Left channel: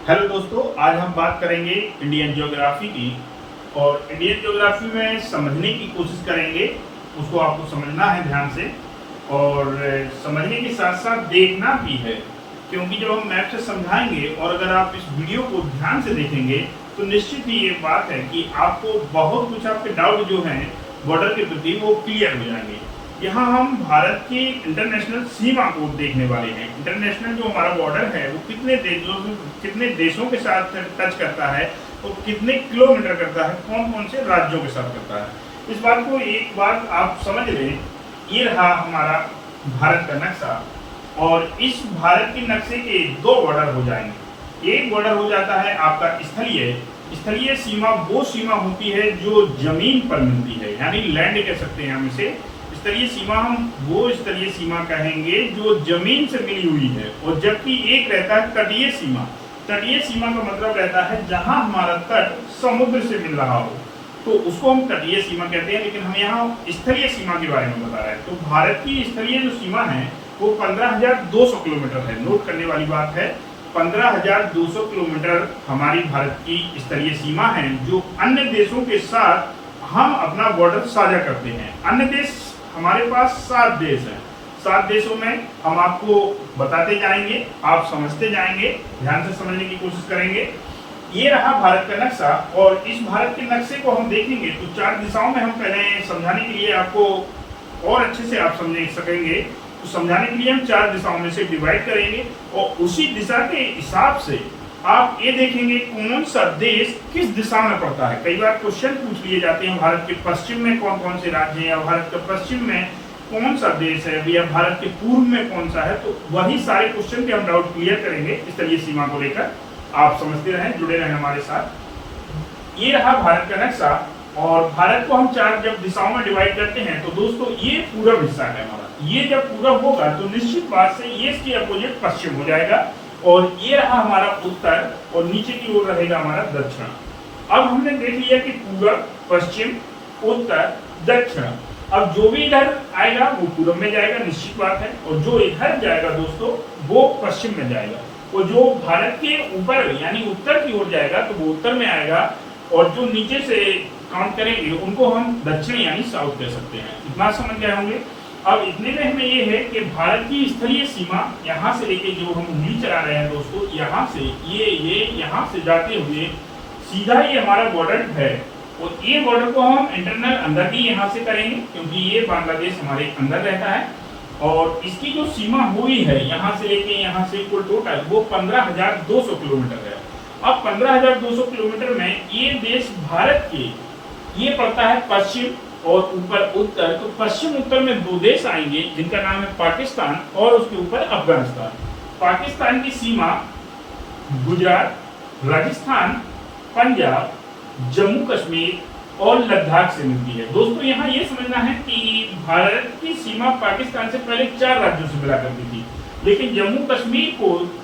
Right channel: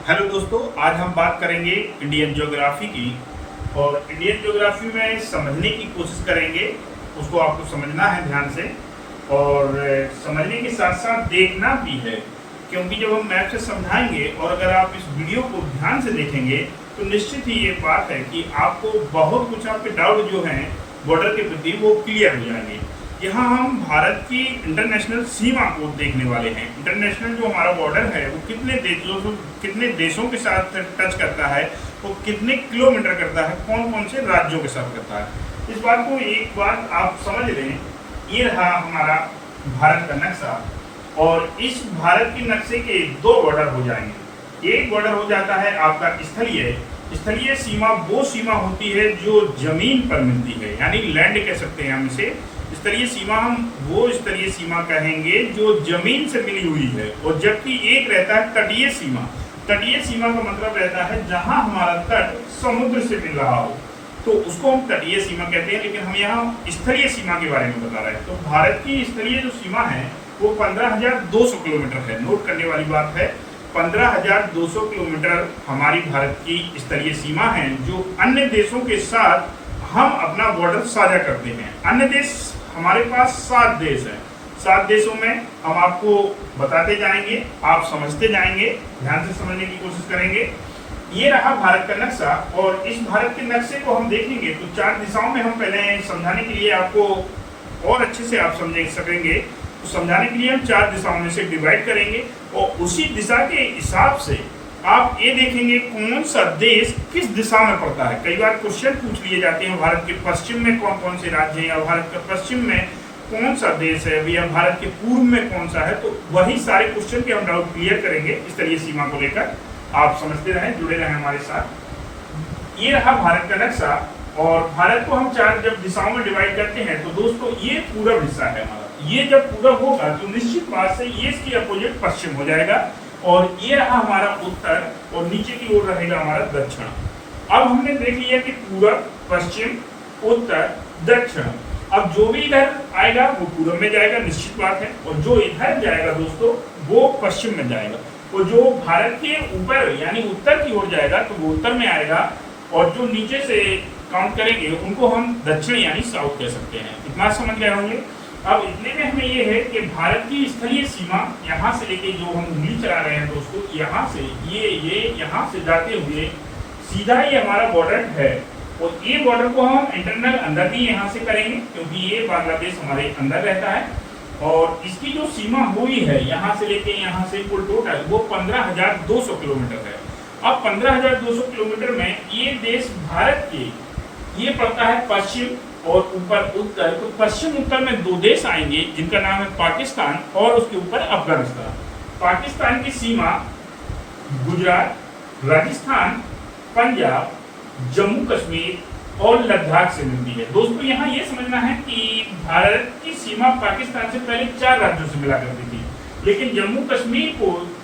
Hello दोस्तों, आज हम बात करेंगे इंडियन ज्योग्राफी की। और इंडियन ज्योग्राफी में समझने की कोशिश करेंगे। उसको आपको समझना है ध्यान से, और समझने के साथ साथ देखना भी है, क्योंकि जब हम मैप से समझाएंगे और अगर आप इस वीडियो को ध्यान से देखेंगे तो निश्चित ही ये बात है कि आपको बहुत कुछ आपके डाउट जो हैं बॉर्डर के प्रति वो क्लियर हो जाएंगे। यहाँ हम भारत की इंटरनेशनल सीमा को देखने वाले हैं। इंटरनेशनल जो हमारा बॉर्डर है वो कितने देशों के साथ टच करता है, वो कितने किलोमीटर करता है, कौन कौन से राज्यों के साथ करता है। इस बात को एक बात आप समझ लें, ये रहा हमारा भारत का नक्शा। और इस भारत के नक्शे के दो बॉर्डर हो जाएंगे। एक बॉर्डर हो जाता है आपका स्थलीय सीमा। वो सीमा होती है जो जमीन पर मिलती है, यानी लैंड कह सकते हैं हम इसे। स्तरीय सीमा हम वो स्तरीय सीमा कहेंगे जो जमीन से मिली हुई है। और जबकि एक रहता है तटीय सीमा। तटीय सीमा का मतलब रहता है जहां हमारा तट समुद्र से मिल रहा हो, तो उसको हम तटीय सीमा कहते हैं। लेकिन हम यहाँ स्थलीय सीमा के बारे में बता रहे हैं। तो भारत की स्थलीय जो सीमा है वो 15,200 किलोमीटर है। नोट करने वाली बात है, 15,200 किलोमीटर हमारी भारत की स्थलीय सीमा है, जो अन्य देशों के साथ हम अपना बॉर्डर साझा करते हैं। अन्य देश हमारे पास 7 देश हैं। 7 देशों में हम आपको बताते जाएंगे, आप समझते जाएंगे, ध्यान से समझने की कोशिश करेंगे। ये रहा भारत का नक्शा। और इस भारत के नक्शे को हम देखेंगे तो 4 दिशाओं में हम पहले समझाने के लिए आपको और अच्छे से आप समझ सकेंगे, तो समझाने के लिए हम 4 दिशाओं में से डिवाइड करेंगे। और उसी दिशा के हिसाब से आप ये देखेंगे कौन सा देश किस दिशा में पड़ता है। कई बार क्वेश्चन पूछ लिए जाते हैं, भारत के पश्चिम में कौन कौन से राज्य हैं, या भारत के पश्चिम में कौन सा देश है, या भारत के पूर्व में कौन सा है। तो वही सारे क्वेश्चन के हम डाउट क्लियर करेंगे स्थलीय सीमा को लेकर। आप समझते रहें, जुड़े रहें हमारे साथ। ये रहा भारत का नक्शा। और भारत को हम 4 जब दिशाओं में डिवाइड करते हैं तो दोस्तों ये पूरा हिस्सा है हमारा। ये जब पूरा होगा तो निश्चित बात से ये इसके अपोजिट पश्चिम हो जाएगा। और ये रहा हमारा उत्तर, और नीचे की ओर रहेगा हमारा दक्षिण। अब हमने देख लिया कि पूरब, पश्चिम, उत्तर, दक्षिण। अब जो भी इधर आएगा वो पूरब में जाएगा, निश्चित बात है। और जो इधर जाएगा दोस्तों वो पश्चिम में जाएगा। और जो भारत के ऊपर यानी उत्तर की ओर जाएगा तो वो उत्तर में आएगा। और जो नीचे से काउंट करेंगे उनको हम दक्षिण यानी साउथ कह सकते हैं। इतना समझ गए होंगे। अब इतने में हमें ये है कि भारत की स्थलीय सीमा यहाँ से लेके जो हम उंगली चला रहे हैं दोस्तों, यहाँ से ये यहाँ से जाते हुए सीधा ये हमारा बॉर्डर है। और ये बॉर्डर को हम इंटरनल अंदर भी यहाँ से करेंगे, क्योंकि ये बांग्लादेश हमारे अंदर रहता है। और इसकी जो सीमा हुई है यहाँ से लेके यहाँ से कुल टोटल वो 15,200 किलोमीटर है। अब 15,200 किलोमीटर में ये देश भारत के ये पड़ता है पश्चिम और ऊपर उत्तर। तो पश्चिम उत्तर में 2 देश आएंगे जिनका नाम है पाकिस्तान और उसके ऊपर अफगानिस्तान। पाकिस्तान की सीमा गुजरात, राजस्थान, पंजाब, जम्मू कश्मीर और लद्दाख से मिलती है। दोस्तों यहाँ ये समझना है कि भारत की सीमा पाकिस्तान से पहले 4 राज्यों से मिला करती थी, लेकिन जम्मू कश्मीर को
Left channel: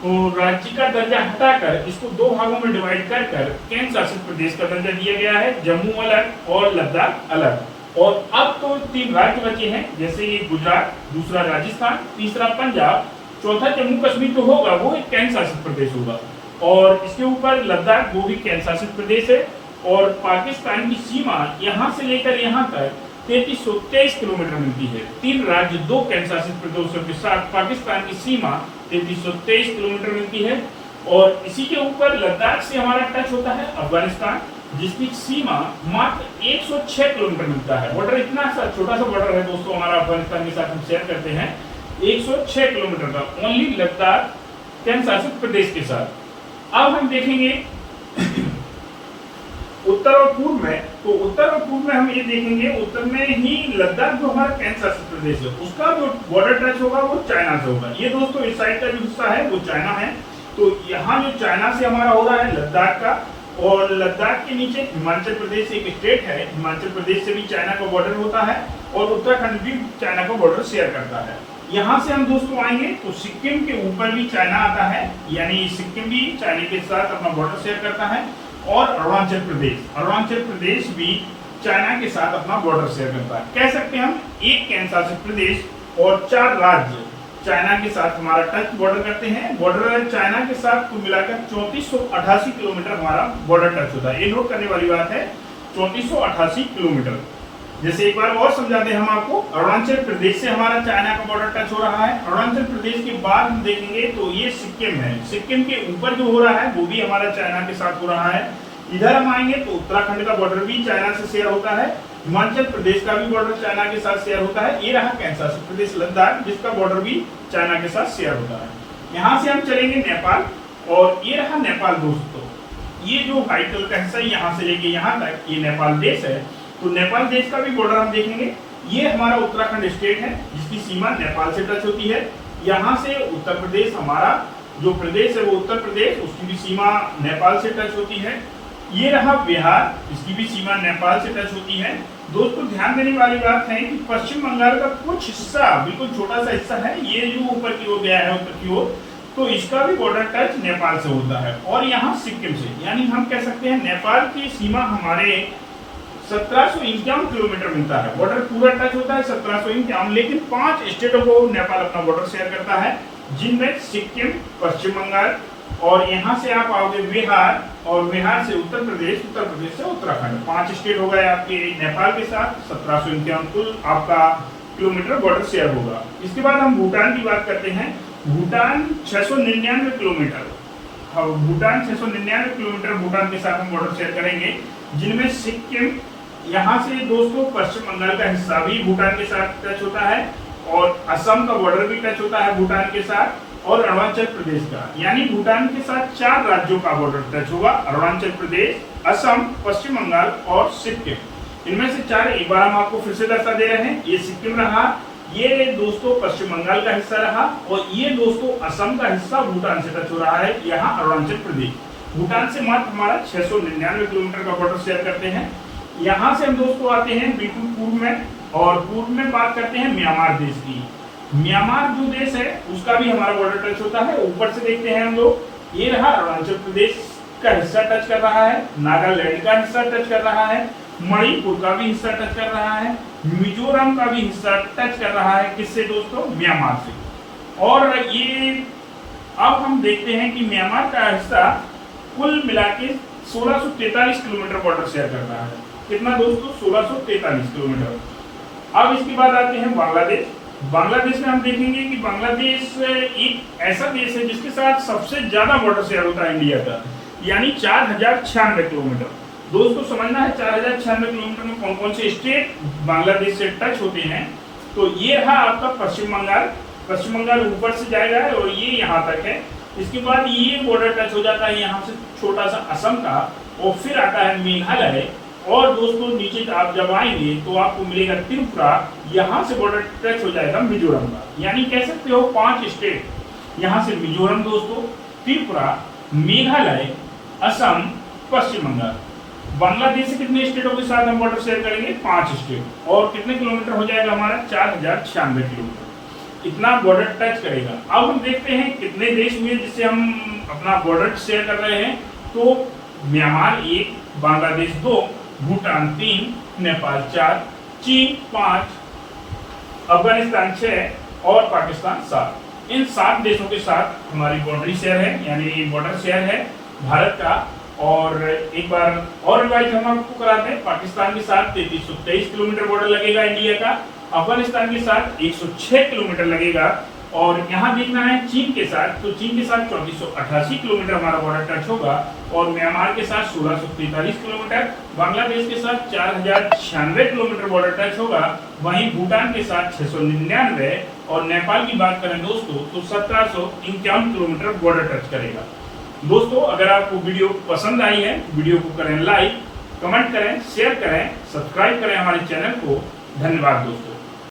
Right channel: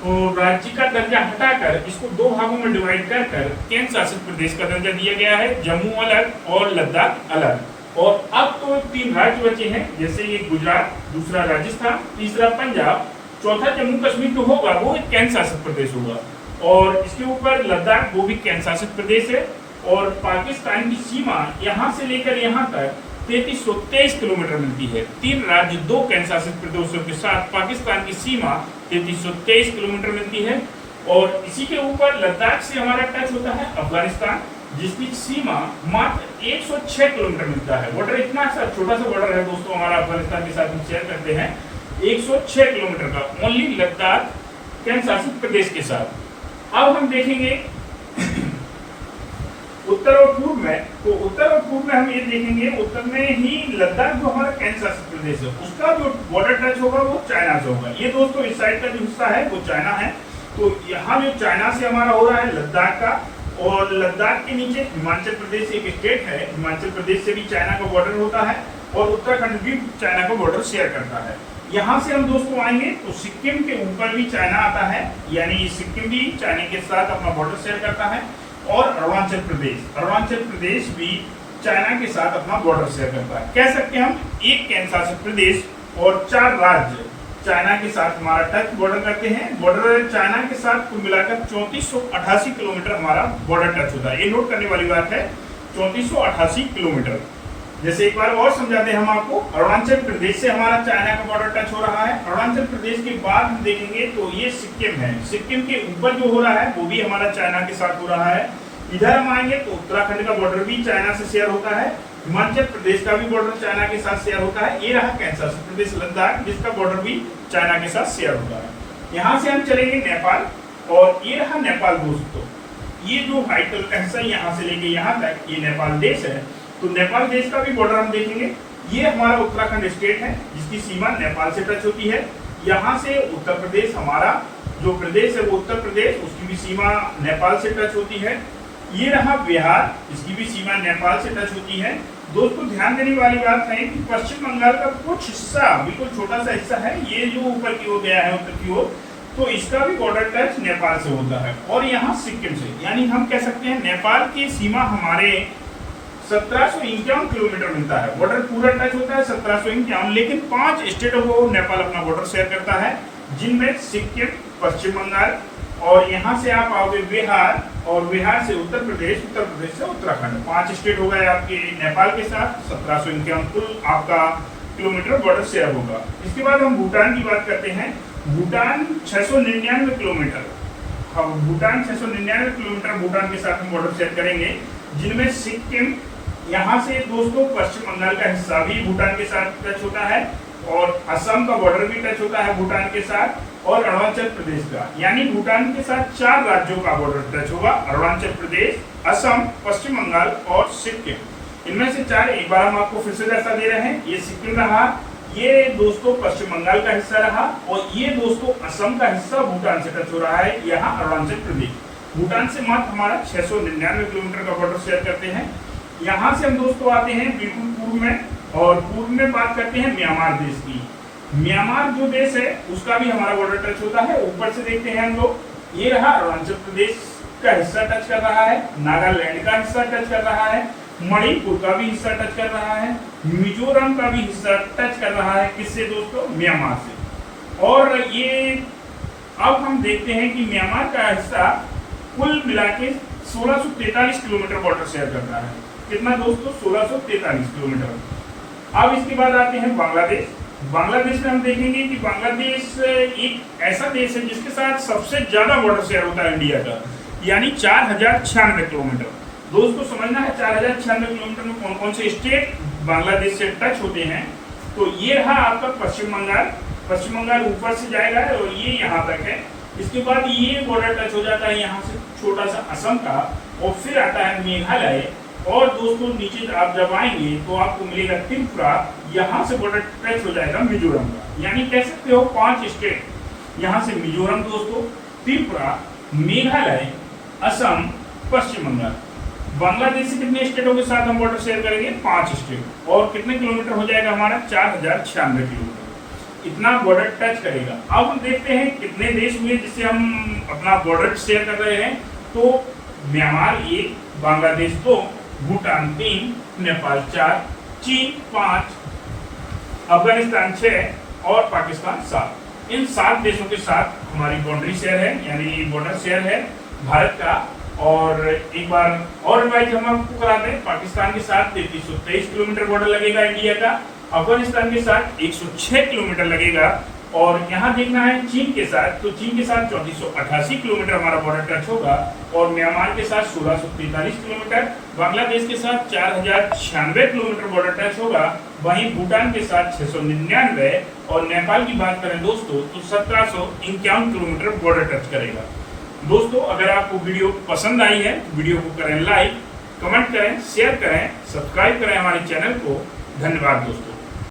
राज्य का दर्जा हटाकर इसको 2 भागों में डिवाइड कर केंद्र शासित प्रदेश का दर्जा दिया गया है। जम्मू अलग और लद्दाख अलग। और अब तो 3 राज्य बचे हैं, जैसे ये गुजरात, दूसरा राजस्थान, तीसरा पंजाब, चौथा जम्मू कश्मीर जो होगा वो एक केंद्र शासित प्रदेश होगा। और इसके ऊपर लद्दाख, वो भी केंद्र शासित प्रदेश है। और पाकिस्तान की सीमा यहाँ से लेकर यहाँ तक 3323 किलोमीटर मिलती है। 3 राज्य 2 केंद्र शासित प्रदेशों के साथ पाकिस्तान की सीमा 3323 किलोमीटर मिलती है। और इसी के ऊपर लद्दाख से हमारा टच होता है अफगानिस्तान, जिसकी सीमा मात्र 106 किलोमीटर मिलता है। बॉर्डर इतना सा छोटा सा बॉर्डर है दोस्तों हमारा अफगानिस्तान के साथ हम शेयर करते हैं, 106 किलोमीटर का, ओनली लद्दाख केंद्र शासित प्रदेश के साथ। अब हम देखेंगे उत्तर और पूर्व में। तो उत्तर और पूर्व में हम ये देखेंगे, उत्तर में ही लद्दाख जो हमारा केंद्र शासित प्रदेश है उसका जो बॉर्डर टच होगा वो चाइना से होगा। ये दोस्तों इस साइड का जो हिस्सा है वो चाइना है। तो यहाँ जो चाइना से हमारा हो रहा है लद्दाख का, और लद्दाख के नीचे हिमाचल प्रदेश एक स्टेट है, हिमाचल प्रदेश से भी चाइना का बॉर्डर होता है। और उत्तराखंड भी चाइना का बॉर्डर शेयर करता है। यहाँ से हम दोस्तों आएंगे तो सिक्किम के ऊपर भी चाइना आता है, यानी सिक्किम भी चाइना के साथ अपना बॉर्डर शेयर करता है। और अरुणाचल प्रदेश भी चाइना के साथ अपना बॉर्डर शेयर करता है। कह सकते हैं हम एक केंद्र शासित प्रदेश और 4 राज्य चाइना के साथ हमारा टच बॉर्डर करते हैं। बॉर्डर चाइना के साथ कुल मिलाकर 3488 किलोमीटर हमारा बॉर्डर टच होता है। ये नोट करने वाली बात है, 3488 किलोमीटर। जैसे एक बार और समझा दें हम आपको, अरुणाचल प्रदेश से हमारा चाइना का बॉर्डर टच हो रहा है। अरुणाचल प्रदेश के बाद हम देखेंगे तो ये सिक्किम है। सिक्किम के ऊपर जो हो रहा है वो भी हमारा चाइना के साथ हो रहा है। इधर हम आएंगे तो उत्तराखंड का बॉर्डर भी चाइना से शेयर होता है। हिमाचल प्रदेश का भी बॉर्डर चाइना के साथ शेयर होता है। ये रहा कैंसर प्रदेश लद्दाख, जिसका बॉर्डर भी चाइना के साथ शेयर होता है। यहाँ से हम चलेंगे नेपाल, और ये रहा नेपाल दोस्तों। ये जो व्हाइट कलर का हिस्सा यहाँ से लेके यहाँ तक ये नेपाल देश है। तो नेपाल देश का भी बॉर्डर हम देखेंगे। ये हमारा उत्तराखंड स्टेट है जिसकी सीमा नेपाल से टच होती है। यहाँ से उत्तर प्रदेश, हमारा जो प्रदेश है वो उत्तर प्रदेश, उसकी भी सीमा नेपाल से टच होती है। ये रहा बिहार, इसकी भी सीमा नेपाल से टच होती है। दोस्तों ध्यान देने वाली बात है कि पश्चिम बंगाल का कुछ हिस्सा, बिल्कुल छोटा सा हिस्सा है, ये जो ऊपर की ओर गया है उत्तर की ओर, तो इसका भी बॉर्डर टच नेपाल से होता है। और यहाँ सिक्किम से, यानी हम कह सकते हैं नेपाल की सीमा हमारे 1751 किलोमीटर मिलता है। बॉर्डर पूरा टच होता है 1751, लेकिन 5 स्टेटों को नेपाल अपना बॉर्डर शेयर करता है, जिनमें सिक्किम, पश्चिम बंगाल, और यहाँ से आप आओगे बिहार, और बिहार से उत्तर प्रदेश, उत्तर प्रदेश से उत्तराखंड। 5 स्टेट हो गए आपके नेपाल के साथ। 1751 कुल आपका किलोमीटर बॉर्डर शेयर होगा। इसके बाद हम भूटान की बात करते हैं। भूटान 699 किलोमीटर, भूटान 699 किलोमीटर भूटान के साथ हम बॉर्डर शेयर करेंगे, जिनमें सिक्किम, यहाँ से दोस्तों पश्चिम बंगाल का हिस्सा भी भूटान के साथ टच होता है, और असम का बॉर्डर भी टच होता है भूटान के साथ, और अरुणाचल प्रदेश का, यानी भूटान के साथ 4 राज्यों का बॉर्डर टच होगा। अरुणाचल प्रदेश, असम, पश्चिम बंगाल और सिक्किम। इनमें से 4 एक बार हम आपको फिर से दर्शा दे रहे हैं। ये सिक्किम रहा, ये दोस्तों पश्चिम बंगाल का हिस्सा रहा, और ये दोस्तों असम का हिस्सा भूटान से टच हो रहा है, यहाँ अरुणाचल प्रदेश। भूटान से मात्र हमारा 699 किलोमीटर का बॉर्डर शेयर करते हैं। यहाँ से हम दोस्तों आते हैं बिल्कुल पूर्व में, और पूर्व में बात करते हैं म्यांमार देश की। म्यांमार जो देश है उसका भी हमारा बॉर्डर टच होता है। ऊपर से देखते हैं हम लोग, ये रहा अरुणाचल प्रदेश का हिस्सा टच कर रहा है, नागालैंड का हिस्सा टच कर रहा है, मणिपुर का भी हिस्सा टच कर रहा है, मिजोरम का भी हिस्सा टच कर रहा है। किससे दोस्तों? म्यांमार से। और ये अब हम देखते हैं कि म्यांमार का हिस्सा कुल मिला के 1643 किलोमीटर बॉर्डर शेयर करता है। कितना दोस्तों? 1643 किलोमीटर। अब इसके बाद आते हैं बांग्लादेश। बांग्लादेश में हम देखेंगे कि बांग्लादेश एक ऐसा देश है जिसके साथ सबसे ज्यादा बॉर्डर शेयर होता है इंडिया का, यानी 4096 किलोमीटर। दोस्तों समझना है 4096 किलोमीटर में कौन कौन से स्टेट बांग्लादेश से टच होते हैं। तो ये रहा आपका पश्चिम बंगाल। पश्चिम बंगाल ऊपर से जाएगा और ये यहाँ तक है। इसके बाद ये बॉर्डर टच हो जाता है यहाँ से छोटा सा असम का, और फिर आता है मेघालय। और दोस्तों नीचे आप जब आएंगे तो आपको मिलेगा त्रिपुरा, यहाँ से बॉर्डर टच हो जाएगा मिजोरम का। यानी कह सकते हो 5 स्टेट, यहाँ से मिजोरम दोस्तों, त्रिपुरा, मेघालय, असम, पश्चिम बंगाल। बांग्लादेश से कितने स्टेटों के साथ हम बॉर्डर शेयर करेंगे? 5 स्टेट। और कितने किलोमीटर हो जाएगा हमारा? 4096 किलोमीटर। इतना बॉर्डर टच करेगा। अब हम देखते हैं कितने देश हुए जिससे हम अपना बॉर्डर शेयर कर रहे हैं। तो म्यांमार 1, बांग्लादेश 2, भूटान 3, नेपाल 4, चीन 5, अफगानिस्तान 6 और पाकिस्तान 7। इन 7 देशों के साथ हमारी बाउंड्री शेयर है, यानी बॉर्डर शेयर है भारत का। और एक बार और रिवाइज हम आपको कराते हैं। पाकिस्तान के साथ 3323 किलोमीटर बॉर्डर लगेगा इंडिया का, अफगानिस्तान के साथ 106 किलोमीटर लगेगा, और यहाँ देखना है चीन के साथ, तो चीन के साथ 3488 किलोमीटर हमारा बॉर्डर टच होगा, और म्यांमार के साथ 1643 किलोमीटर, बांग्लादेश के साथ 4096 किलोमीटर बॉर्डर टच होगा, वहीं भूटान के साथ 699, और नेपाल की बात करें दोस्तों तो 1751 किलोमीटर बॉर्डर टच करेगा। दोस्तों अगर आपको वीडियो पसंद आई है तो वीडियो को करें लाइक, कमेंट करें, शेयर करें, सब्सक्राइब करें हमारे चैनल को। धन्यवाद दोस्तों।